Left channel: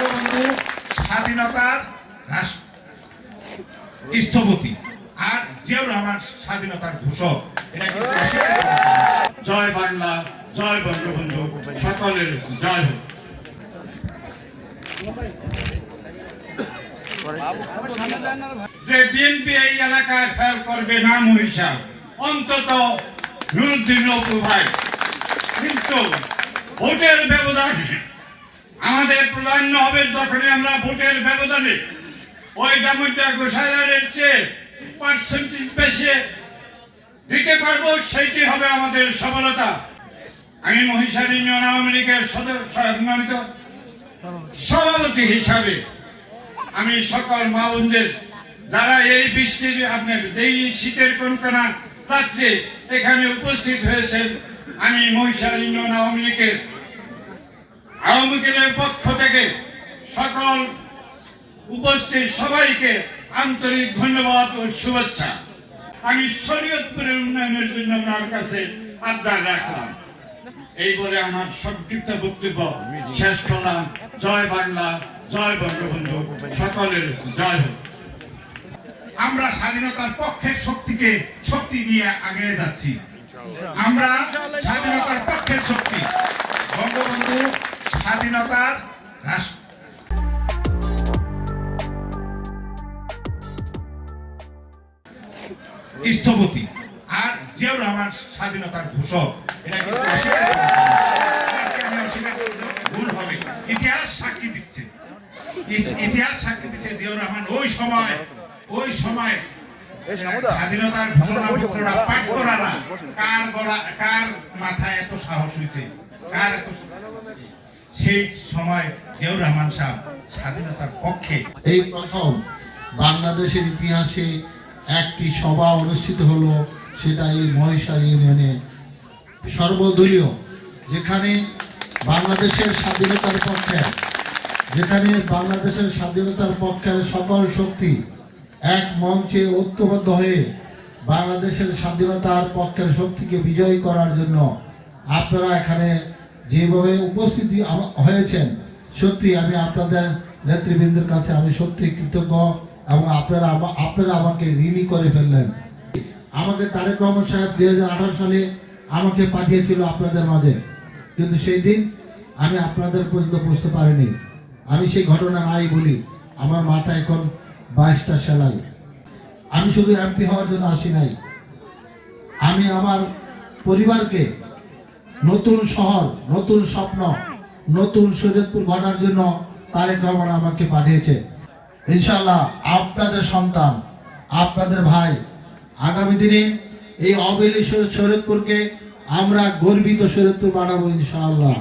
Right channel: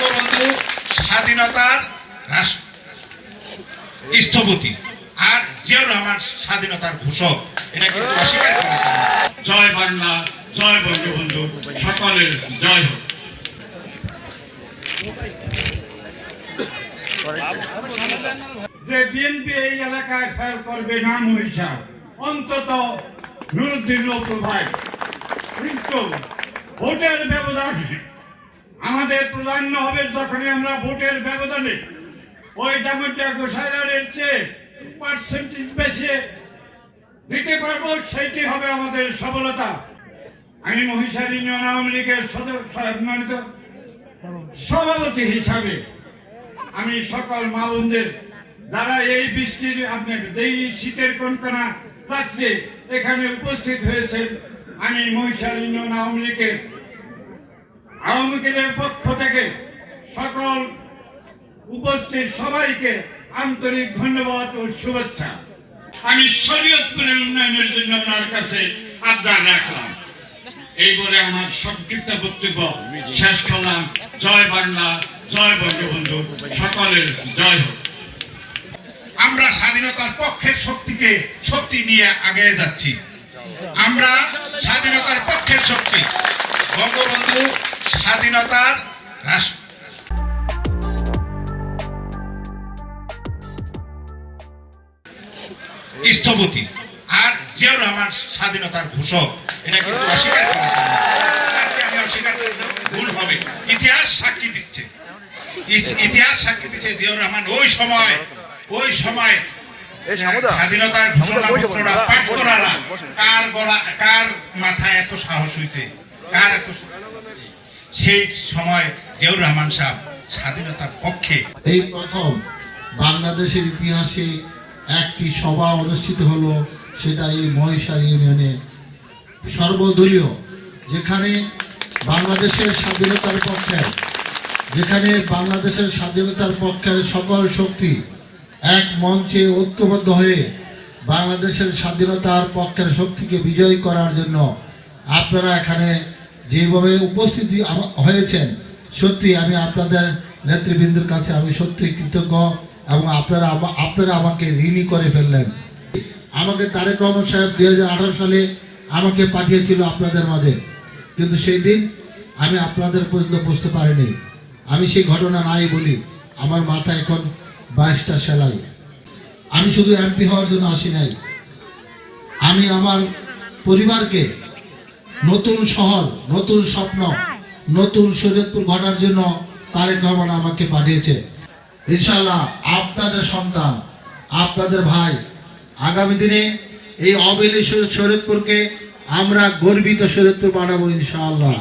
বঙ্গবন্ধু স্বাধীনতার স্থপতি আর জিয়াউর রহমান স্বাধীনতার ঘোষক, এটা কিন্তু অস্বীকার করা যাবে না। জয় বাংলা, জয় বঙ্গবন্ধু, সকলের জয় হোক। যে বিএনপি এই এলাকায় ফেল করবে না মহিষা, অন্তত নুরুদ্দিন নৌকু ভাই, কিন্তু ভোটের ব্যবধানে আমাদের প্রাধান্য হবে যখনই আমরা ভোটের ব্যবধানে ওই দামোদর গোসাইয়ের চেয়ে পার্সেন্টেজ বেশি দিতে পারবো, সেইটি হবে আমাদের সফলতা। আমি মহিষার ইউনিয়ন আওয়ামী লীগের সভাপতি হিসাবে আমি সকল মা বোনদের যারা এই বৃষ্টির আপনার এই শীতের কনকনা রাত্রে এখানে উপস্থিত হয়েছেন, আমি মহিষার ইউনিয়ন আওয়ামী লীগের পক্ষ থেকে সকল উপস্থিত সবাইকে আন্তরিক ধন্যবাদ ও শুভেচ্ছা। আমি শরীয়তপুরের উন্নয়নের জন্য আপনার কাছে আবদার রাখলাম। এই বলে আমার সংক্ষিপ্ত বক্তব্য শেষ করলাম। জয় বাংলা, জয় বঙ্গবন্ধু, সকলের জয় হোক। আমরা স্বাধীনতার পক্ষের শক্তি নিয়ে আগে যাচ্ছি। আমরা স্বাধীনতার পক্ষের শক্তি, বঙ্গবন্ধু স্বাধীনতার স্থপতি আর জিয়াউর রহমান স্বাধীনতার ঘোষক, এটা কিন্তু অস্বীকার করা যাবে না। ভুল হবে। ইতিহাস সাক্ষী দিচ্ছে জিয়াউর রহমান ওই সময় স্বাধীনতার ঘোষণা পাঠ করারা কার মাথায় এত সাহস হয়েছে, কার এত সেই সময় জিয়াউর রহমান সাহেব স্বাধীনতার পক্ষে। এই প্রথম বাংলাদেশের ইতিহাসে একটি সভা অনুষ্ঠিত হলো, সেটা এই মহিষার ইউনিয়নে সর্বদলীয়, যেখানে বাংলাদেশের স্বাধীনতার পক্ষের সকল শক্তি এক মঞ্চে ঐক্যবদ্ধ হয়ে বাংলাদেশের স্বাধীনতার পক্ষের শক্তিকে বিজয়ী করার জন্য আপনারা এখানে যেভাবে উপস্থিতি হয়েছেন, সত্যি আমি আপনাদের নেতৃবৃন্দের কাছে আমি সত্যি কৃতজ্ঞ, এবং আপনারা আমাকে ঋণী করে ফেললেন। আমাকে তারেক রহমান সাহেব 2018 সালে আমাকে পাঠিয়েছিল আপনাদের মাঝে, কিন্তু সেই দিন আমি আপনাদের পর্যন্ত বুঝতে পারিনি। আমি সেই ঘটনা নাই বলি, আমার মাথায় এখন 22টা সেলাই। আমি শুধু এমপি হওয়ার জন্য আসি নাই, আমি আমার পরিবারকে নতুন শহর, নতুন স্বপ্ন, নতুন শরীয়তপুর গড়ার জন্য তারেক রহমান আমাকে পাঠিয়েছে। ইনশাআল্লাহ আপনাদের সন্তান, আপনাদের ভাই আগামী দিনে এই অবেলি শরীয়তপুরকে আমরা গর্বিত শরীয়তপুর বানাবো ইনশাআল্লাহ।